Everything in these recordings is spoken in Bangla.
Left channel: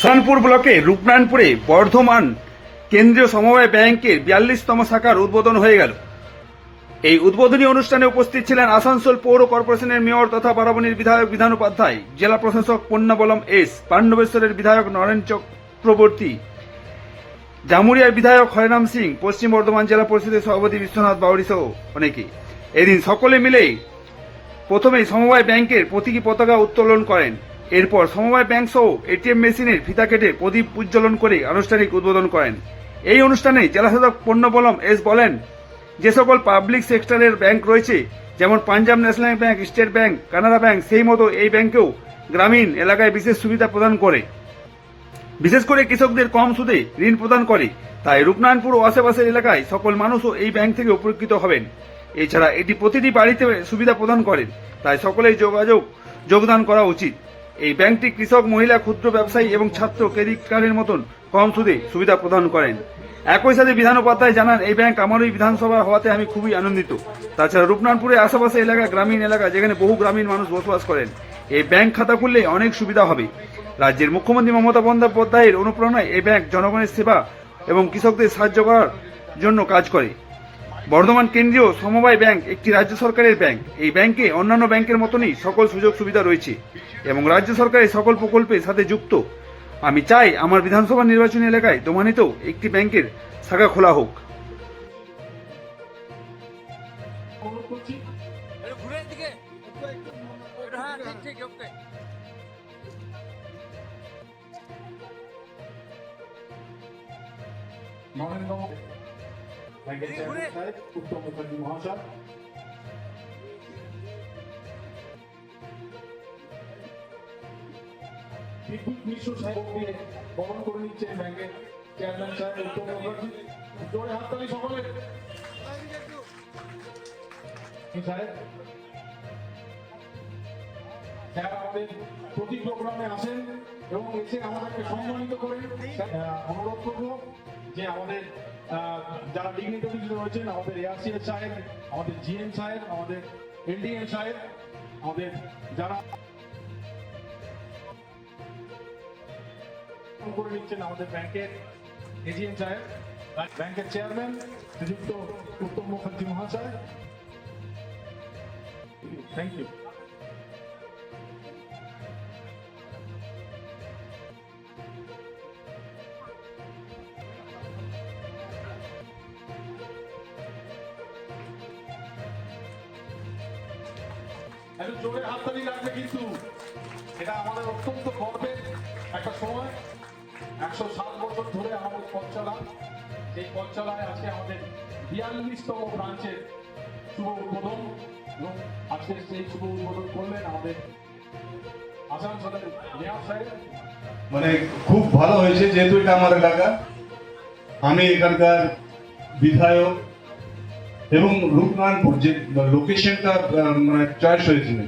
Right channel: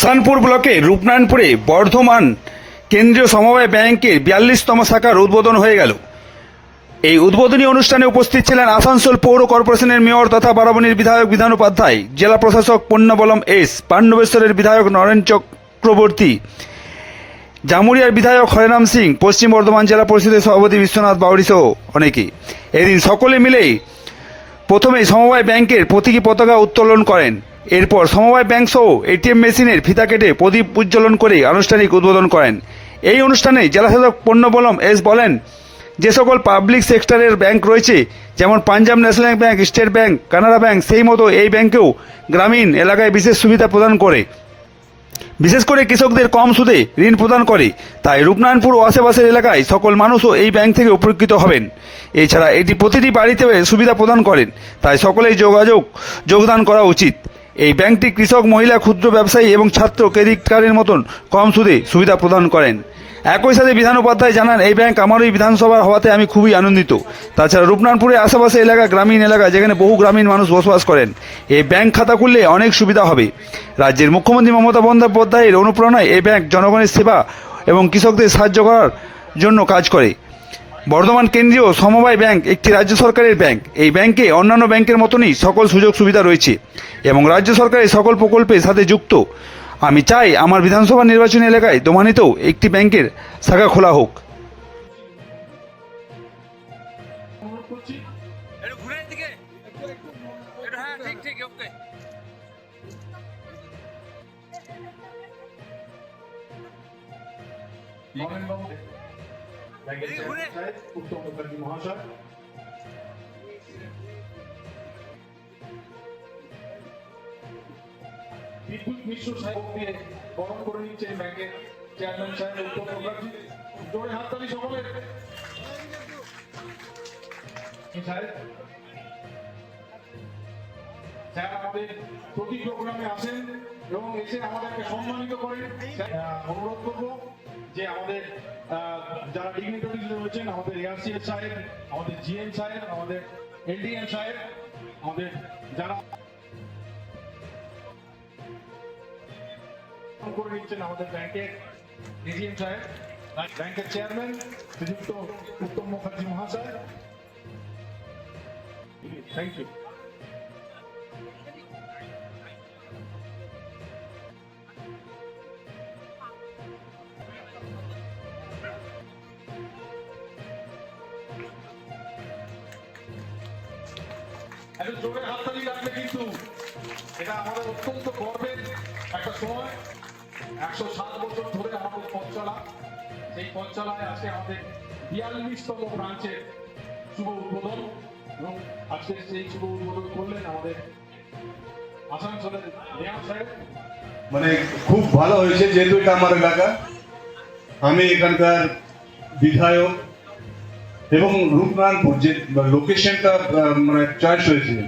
সোমপুর ব্লকে রূপনারায়ণপুরে বর্ধমান কেন্দ্রীয় সমবায় ব্যাংকের বিয়াল্লিশতম শাখার উদ্বোধন হয়ে গেল। এই উদ্বোধনী অনুষ্ঠানে উপস্থিত ছিলেন আসানসোল পৌর কর্পোরেশনের মেয়র তথা বারাবণীর বিধায়ক বিধান উপাধ্যায় জেলা প্রশাসক পণ্যবলম এস, পাণ্ডবেশ্বরের বিধায়ক নরেন চক্রবর্তী, জামুরিয়ার বিধায়ক হরিরাম সিং, পশ্চিম বর্ধমান জেলা পরিষদের সভাপতি বিশ্বনাথ বাউরি সহ অনেকে। এদিন সকলে মিলেই প্রথমে সমবায় ব্যাংকের প্রতীকী পতাকা উত্তোলন করেন। এরপর সমবায় ব্যাংক সহ এটিএম মেশিনের ফিতা কেটে প্রদীপ উজ্জ্বলন করে আনুষ্ঠানিক উদ্বোধন করেন। এই অনুষ্ঠানে জেলাশাসক পণ্যবলম এস বলেন, যে সকল পাবলিক সেক্টরের ব্যাংক রয়েছে, যেমন Punjab national bank, state bank, Canara bank, সেই মতো এই ব্যাংকেও গ্রামীণ এলাকায় বিশেষ সুবিধা প্রদান করে। বিশেষ করে কৃষকদের কম সুদে ঋণ প্রদান করে। তাই রূপনারায়ণপুর ও আশেপাশের এলাকায় সকল মানুষও এই ব্যাংক থেকে উপকৃত হবেন। এছাড়া এটি প্রতিটি বাড়িতে সুবিধা প্রদান করেন। তাই সকলেই যোগাযোগ, যোগদান করা উচিত। এই ব্যাংকটি কৃষক, মহিলা, ক্ষুদ্র ব্যবসায়ী এবং ছাত্র ক্রেডিট কার্ডের মতন কম সুদে সুবিধা প্রদান করেন। একই সাথে বিধান উপাধ্যায় জানান, এই ব্যাংক আমারই বিধানসভার হওয়াতে আমি খুবই আনন্দিত। তাছাড়া রূপনারায়ণপুরের আশেপাশে এলাকা গ্রামীণ এলাকা যেখানে বহু গ্রামীণ মানুষ বসবাস করেন, এই ব্যাংক খাতা খুললে অনেক সুবিধা হবে। রাজ্যের মুখ্যমন্ত্রী মমতা বন্দ্যোপাধ্যায়ের অনুপ্রেরণায় এই ব্যাংক জনগণের সেবা এবং কৃষকদের সাহায্য করার জন্য কাজ করে। বর্ধমান কেন্দ্রীয় সমবায় ব্যাংক একটি রাজ্য সরকারের ব্যাংক। এই ব্যাংকে অন্যান্য ব্যাংকের মতনই সকল সুযোগ সুবিধা রয়েছে এবং রাজ্য সরকারের সকল প্রকল্পের সাথে যুক্ত। আমি চাই আমার বিধানসভা নির্বাচনী এলাকায় দোমানিতেও একটি ব্যাংকের শাখা খোলা হোক। একটু ব্যাংকের চেয়ারম্যান সাহেব উত্তম মুখার্জি মহাশয় বিদ্যুৎ মিশ্র সাহেব দিয়ে বরণ করে নিচ্ছেন ব্যাংকের চেয়ারম্যান সাহেব উত্তম মুখার্জি। জোরে হাততালি সকলের। সাহেব স্যার আমাদের প্রতি প্রোগ্রামে আসেন এবং এসে আমাদেরকে সম্মানিত করেন অনুরোধ করব যে আমাদের যারা ডিগনিটারিজ রয়েছেন, আমাদের এআরসিএস সাহেব, আমাদের জিএম সাহেব, আমাদের এলডিএম সাহেব, আমাদের যারা করে নিচ্ছেন আমাদের ব্যাংকের এজিএম সাহেব, ব্যাংকের চেয়ারম্যান, শ্রীযুক্ত উত্তম মুখার্জি মহাশয়। থ্যাংক ইউ একটু জোরে হাততালি লাগবে কিন্তু। এটা আমাদের অত্যন্ত গর্বের একটা সময়। একশো সাত বছর ধরে আমাদের পথ চলা সেই পথ চলায় আজকে আমাদের বিয়াল্লিশতম ব্রাঞ্চের শুভ উদ্বোধন। এবং আজকে সেই শুভ উদ্বোধন করলেন আমাদের আসানসোলের মেয়র সাহেব। মানে খুব ভালো হয়েছে যেহেতু এটা আমার এলাকা। আমি এখানকার বিধায়ক এবং রূপনারায়ণপুর যে লোকেশনটা মানে চয়েস হয়েছিল।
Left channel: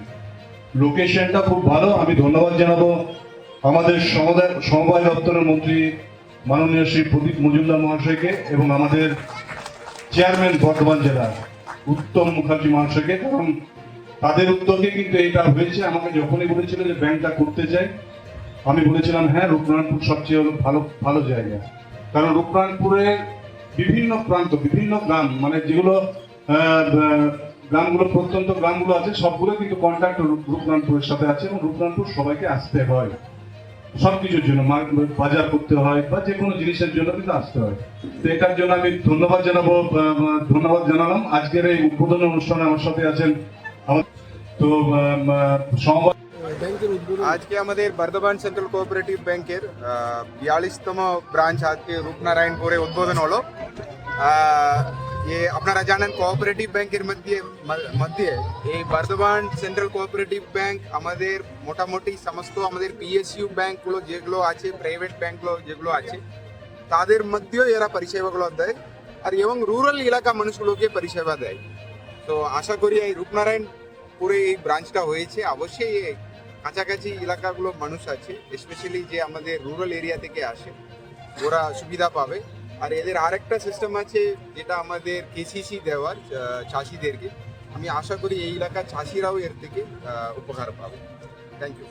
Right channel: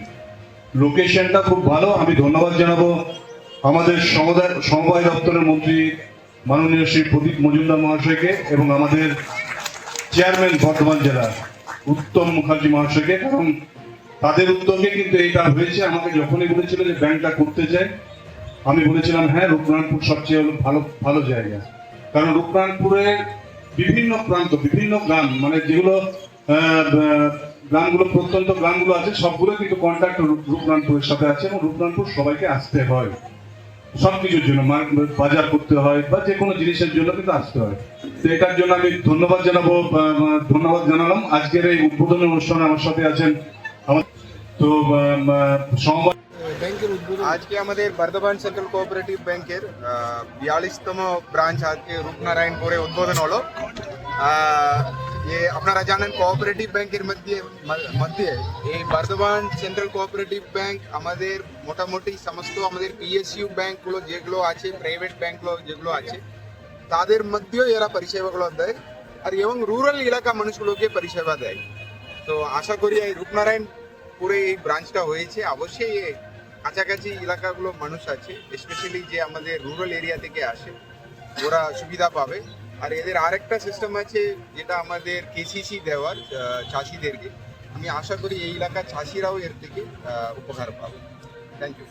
লোকেশনটা খুব ভালো, আমি ধন্যবাদ জানাব আমাদের সমুদায় সমবায় দপ্তরের মন্ত্রী মাননীয় শ্রী প্রদীপ মজুমদার মহাশয়কে এবং আমাদের চেয়ারম্যান বর্ধমান জেলা উত্তম মুখার্জি মহাশয়কে, কারণ তাদের উদ্যোগে কিন্তু এটা হয়েছে। আমাকে যখনই বলেছিল যে ব্যাংকটা করতে চাই, আমি বলেছিলাম হ্যাঁ রূপনারায়ণপুর সবচেয়ে ভালো ভালো জায়গা। কারণ রূপনারায়ণপুরের বিভিন্ন প্রান্ত বিভিন্ন গ্রাম মানে যেগুলো গ্রামগুলো প্রত্যন্ত গ্রামগুলো আছে সবগুলো কিন্তু কন্ট্যাক্ট রূপনারায়ণপুরের সাথে আছে এবং রূপনারায়ণপুর সবাইকে আসতে হয়। সবকিছুর জন্য মার- বাজার করতে হয় বা যে কোনো জিনিসের জন্য কিন্তু আসতে হয়। তো এটার জন্য আমি ধন্যবাদ জানাব ধন্যবাদ জানালাম। আজকের এই উদ্বোধনী অনুষ্ঠানে আমার সাথে আছেন তো আহ, আহ, সমবায় আজকে আমাদের বর্ধমান সেন্ট্রাল কোঅপারেটিভ ব্যাংকের বিয়াল্লিশতম ব্রাঞ্চ আজকে রূপনারায়ণপুরে উদ্বোধন হলো আহ, এ আপনারা জানেন কোঅপারেটিভ ব্যাংকের মধ্যে ম- মধ্যে এই বর্ধমান সেন্ট্রাল কোঅপারেটিভ ব্যাংক আমাদের মোটামুটি সমস্ত আমাদের পিএসইউ ব্যাংকগুলো যেগুলো আছে প্রাইভেট ব্যাংকগুলো যেগুলো আছে তাদের মধ্যেও এরা পরিষেবাগুলো দেয় আর এবং রুরাল এলাকা মানুষগুলোকে পরিষেবা দেয় তো আশা করি এই রূপনারায়ণপুরে এই ব্রাঞ্চটা হয়েছে অবশ্যই এই কাছাকাছি এলাকাগুলো মানুষ আছে স্পেশালি যে আমাদের রুরাল এরিয়া থেকে আসে, ওরা সুবিধা পাবে। আর এদের আরেকটা সিস্টেম আছে, যেটা আমাদের কেসিসি দেওয়ার চাষিদেরকে। আমি আশা করি এই এলাকার চাষিরাও এর থেকে উপকার পাবে। Thank you